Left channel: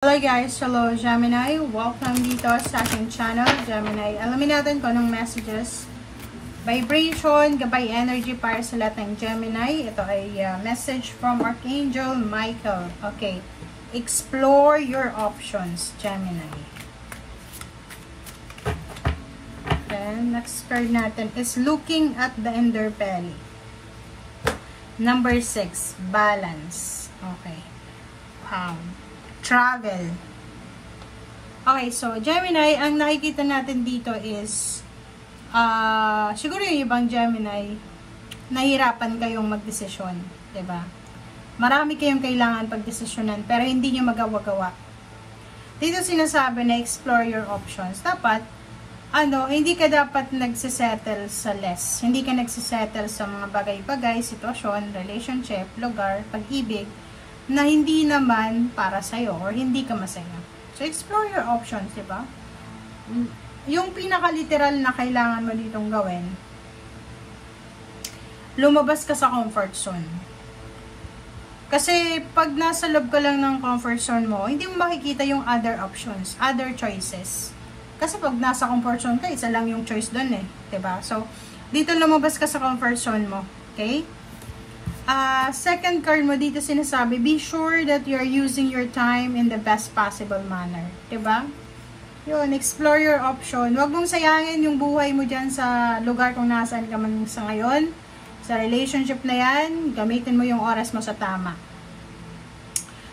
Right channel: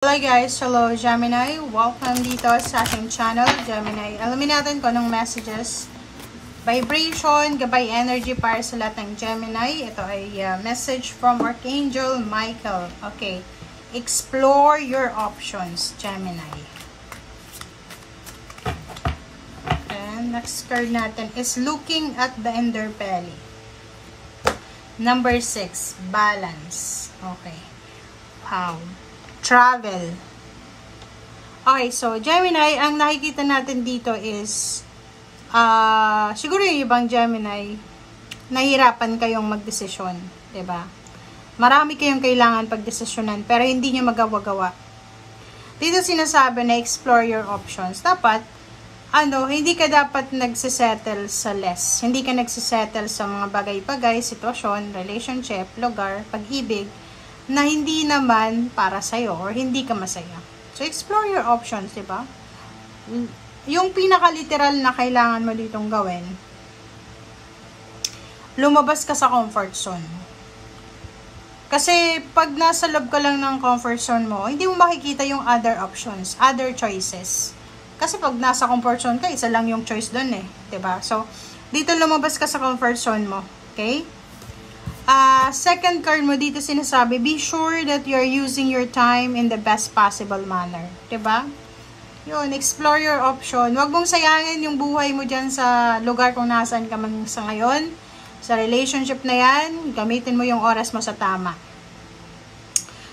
Hello guys, hello Gemini, welcome dito sa aking channel, Gemini. Alamin natin kung anong messages, vibration, gabay energy para sa lahat ng Gemini. Ito ay message from Archangel Michael. Okay, explore your options, Gemini. And next card natin is looking at the underbelly. Number 6, balance. Okay, wow. Travel. Okay, so Gemini, ang nakikita natin dito is siguro yung ibang Gemini nahihirapan kayong magdesisyon, 'di ba? Marami kayong kailangan pagdesisyonan pero hindi niyo magawa-gawa. Dito sinasabi na explore your options. Dapat hindi ka dapat nagse-settle sa less. Hindi ka nagse-settle sa mga bagay-bagay, sitwasyon, relationship, lugar, pag-ibig na hindi naman para sa'yo or hindi ka masaya. So, explore your options, di ba? Yung pinaka-literal na kailangan mo ditong gawin, lumabas ka sa comfort zone. Kasi, pag nasa loob ka lang ng comfort zone mo, hindi mo makikita yung other options, other choices. Kasi pag nasa comfort zone ka, isa lang yung choice doon eh. Di ba? So, dito lumabas ka sa comfort zone mo. Okay? Second card mo dito sinasabi, be sure that you're using your time in the best possible manner. Diba? Yun, explore your option. Huwag mong sayangin yung buhay mo dyan sa lugar kung nasaan ka man sa ngayon. Sa relationship na yan, gamitin mo yung oras mo sa tama.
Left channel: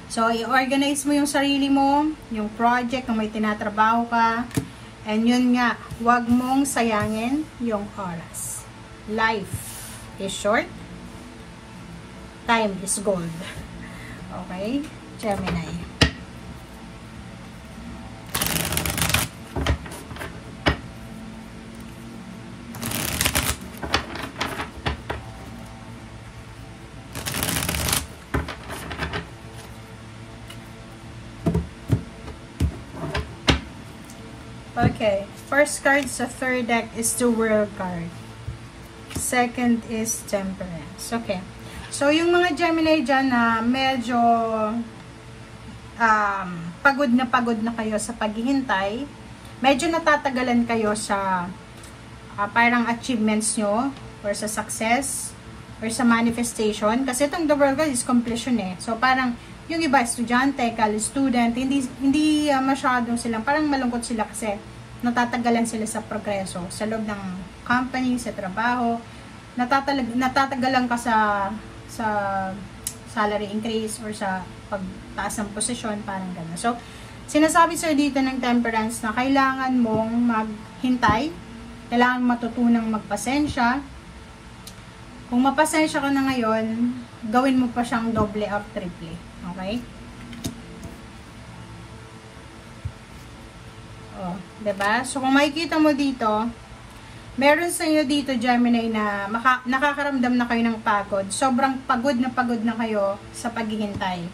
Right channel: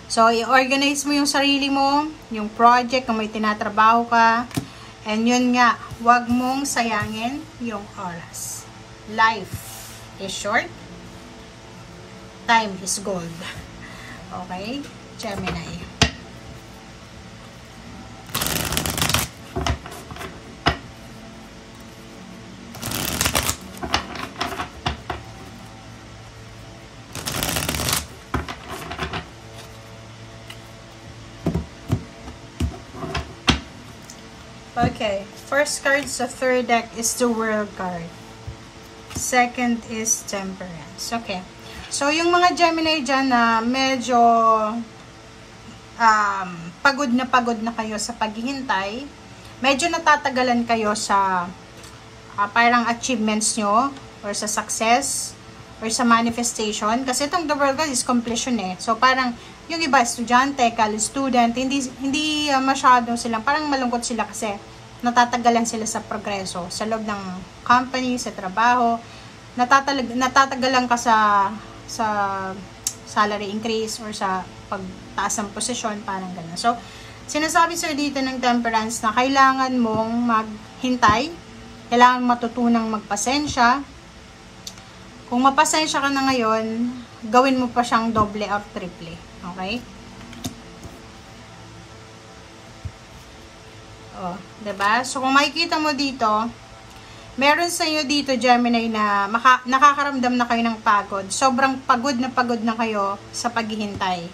So, i-organize mo yung sarili mo, yung project kung may tinatrabaho ka. And yun nga, huwag mong sayangin yung oras. Life is short. Time is gold. Okay? Gemini. Okay. First card sa third deck is the World card. Second is Temperance. Okay. So, yung mga Gemini dyan na medyo pagod na kayo sa paghihintay, medyo natatagalan kayo sa parang achievements nyo, or sa success, or sa manifestation. Kasi itong the world is completion eh. So, parang yung iba, estudyante, college student, hindi masyadong silang, parang malungkot sila kasi natatagalan sila sa progreso. Sa loob ng company, sa trabaho, natatagalan ka sa salary increase or sa pagtaas ng posisyon, parang gano'n. So, sinasabi sir dito ng Temperance na kailangan mong maghintay, kailangan matutunang magpasensya. Kung mapasensya ka na ngayon, gawin mo pa siyang doble or triple. Okay? Oh, 'di ba? So, kung makikita mo dito, meron sa inyo dito, Gemini, na nakakaramdam na kayo ng pagod. Sobrang pagod na kayo sa paghihintay.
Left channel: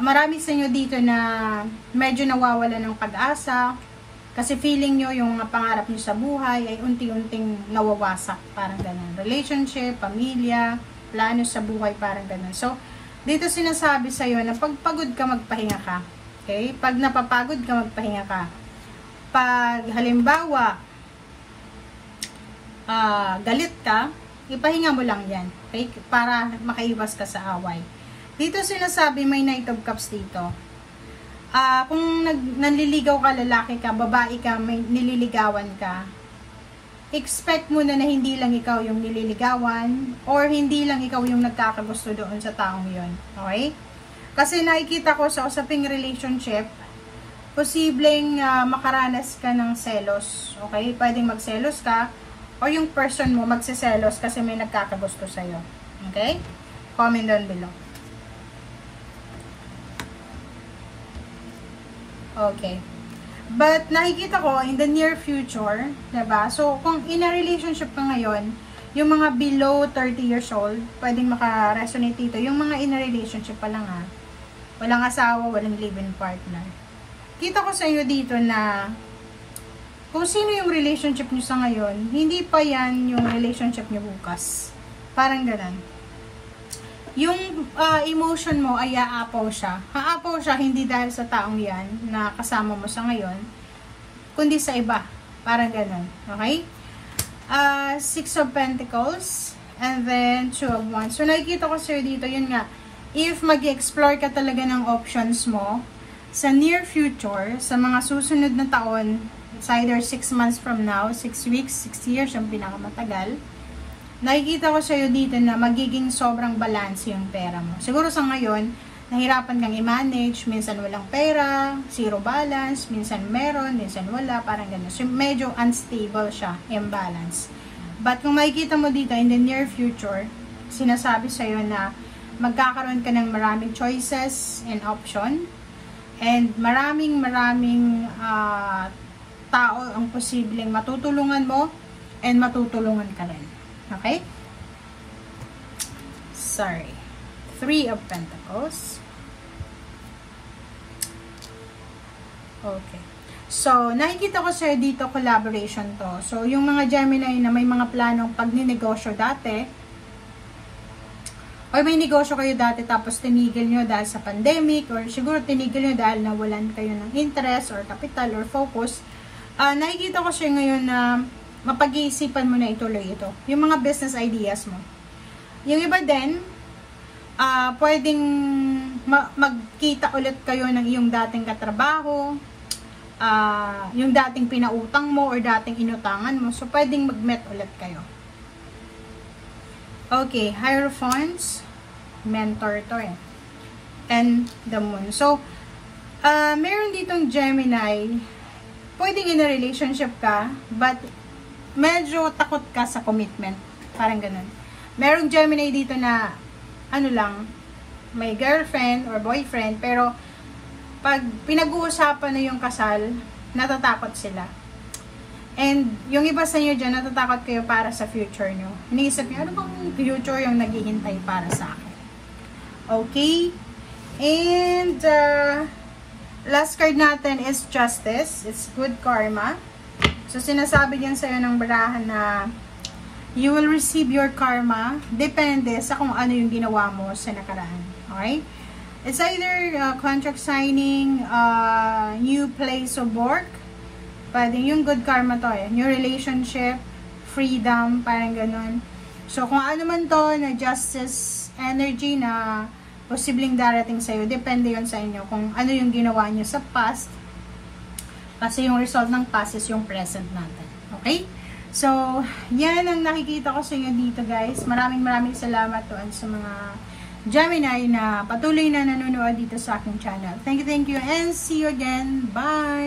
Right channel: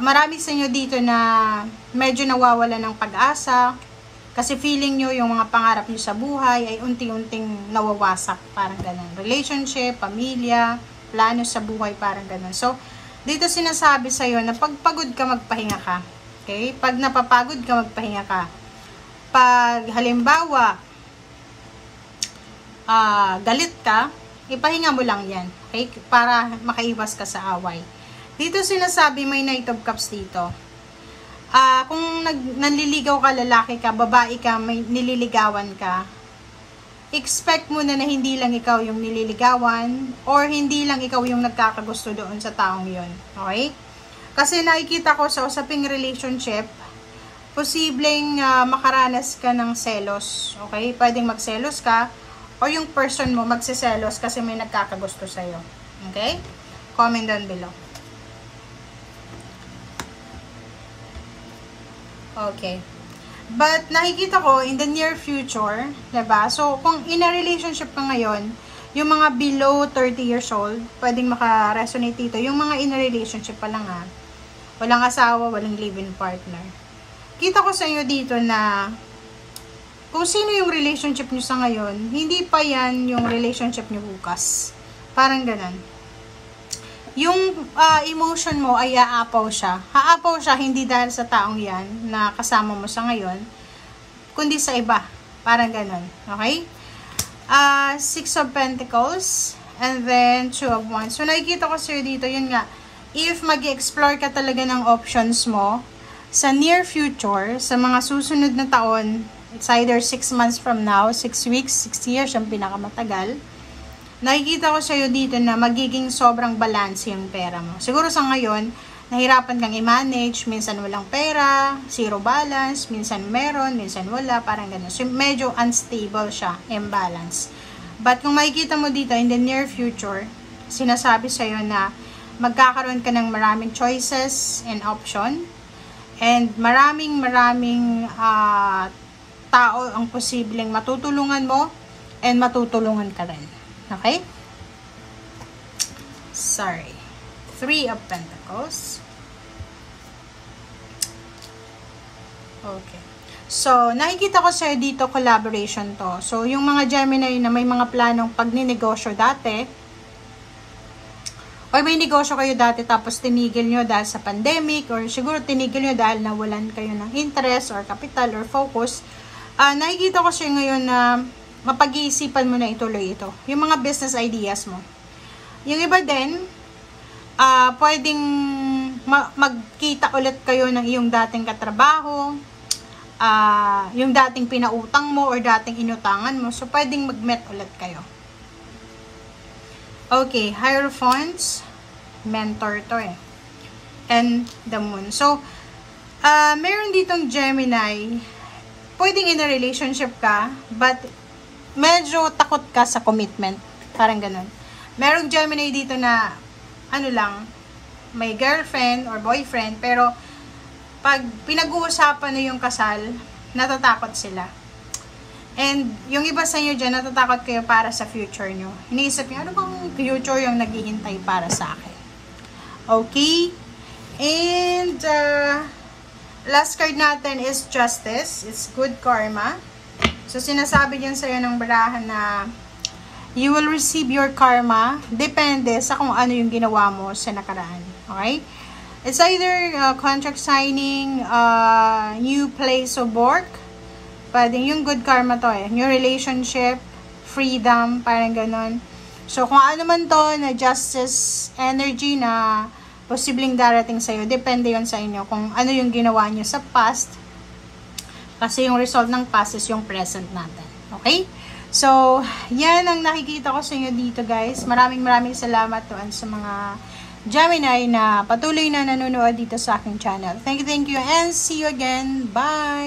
Marami sa inyo dito na medyo nawawala ng pag-asa kasi feeling nyo yung mga pangarap nyo sa buhay ay unti-unting nawawasak. Parang ganun. Relationship, pamilya, plano sa buhay, parang ganun. So, dito sinasabi sa'yo na pag pagod ka, magpahinga ka. Okay? Pag napapagod ka, magpahinga ka. Pag halimbawa, galit ka, ipahinga mo lang yan. Okay? Para makaiwas ka sa away. Dito sinasabi may Knight of Cups dito. Kung nanliligaw ka, lalaki ka, babae ka, may nililigawan ka, expect mo na hindi lang ikaw yung nililigawan or hindi lang ikaw yung nagkakagusto doon sa taong yon. Okay? Kasi nakikita ko sa usaping relationship, posibleng makaranas ka ng selos. Okay? Pwedeng magselos ka o yung person mo magsiselos kasi may nagkakagusto sa'yo. Okay? Comment down below. Okay. But, nakikita ko, in the near future, diba? So, kung in a relationship ka ngayon, yung mga below 30 years old, pwedeng maka-resonate dito. Yung mga in a relationship pa lang walang asawa, walang live-in partner. Kita ko sa inyo dito na kung sino yung relationship nyo sa ngayon, hindi pa yan yung relationship nyo bukas. Parang ganun. yung emotion mo ay aapaw siya. Haapaw siya hindi dahil sa taong yan na kasama mo sa ngayon, kundi sa iba. Parang ganun. Okay? Six of Pentacles, and then Two of Wands. So, nakikita ko sa'yo dito, yun nga, if mag-explore ka talaga ng options mo, sa near future, sa mga susunod na taon, it's either 6 months from now, 6 weeks, 6 years, yung pinakamatagal, nakikita ko sa'yo dito na magiging sobrang balance yung pera mo. Siguro sa ngayon, nahirapan kang i-manage, minsan walang pera, zero balance, minsan meron, minsan wala, parang gano'n. So, medyo unstable siya, imbalance. But kung makikita mo dito, in the near future, sinasabi sa'yo na magkakaroon ka ng maraming choices and option, and maraming tao ang posibleng matutulungan mo, and matutulungan ka rin. Okay? Sorry. Three of Pentacles. Okay. So, nakikita ko sa'yo dito, collaboration to. So, yung mga Gemini na may mga planong pagninegosyo dati, o may negosyo kayo dati tapos tinigil nyo dahil sa pandemic, or siguro tinigil nyo dahil nawalan kayo ng interest or capital or focus, nakikita ko sa'yo ngayon na mapag-iisipan mo na ituloy ito. Yung mga business ideas mo. Yung iba din, pwedeng magkita ulit kayo ng iyong dating katrabaho, yung dating pinautang mo or dating inutangan mo. So, pwedeng mag-met ulit kayo. Okay, Hierophants, mentor to eh. And the Moon. So, meron ditong Gemini, pwedeng in a relationship ka, but medyo takot ka sa commitment. Parang ganun. Merong Gemini dito na, ano lang, may girlfriend or boyfriend, pero pag pinag-uusapan na yung kasal, natatakot sila. And yung iba sa inyo dyan, natatakot kayo para sa future nyo. Iniisip nyo, ano bang future yung naghihintay para sa akin? Okay? And last card natin is Justice. It's good karma. So, sinasabi dyan sa'yo ng barahan na you will receive your karma. Depende sa kung ano yung ginawa mo sa nakaraan. Okay? It's either contract signing, new place of work, pwedeng yung good karma to eh. New relationship, freedom, parang ganon. So, kung ano man to na justice energy na posibleng darating sa'yo, depende yon sa inyo kung ano yung ginawa nyo sa past. Kasi yung result ng past is yung present natin. Okay? So, yan ang nakikita ko sa inyo dito, guys. Maraming salamat doon sa mga Gemini na patuloy na nanonood dito sa aking channel. Thank you, and see you again. Bye!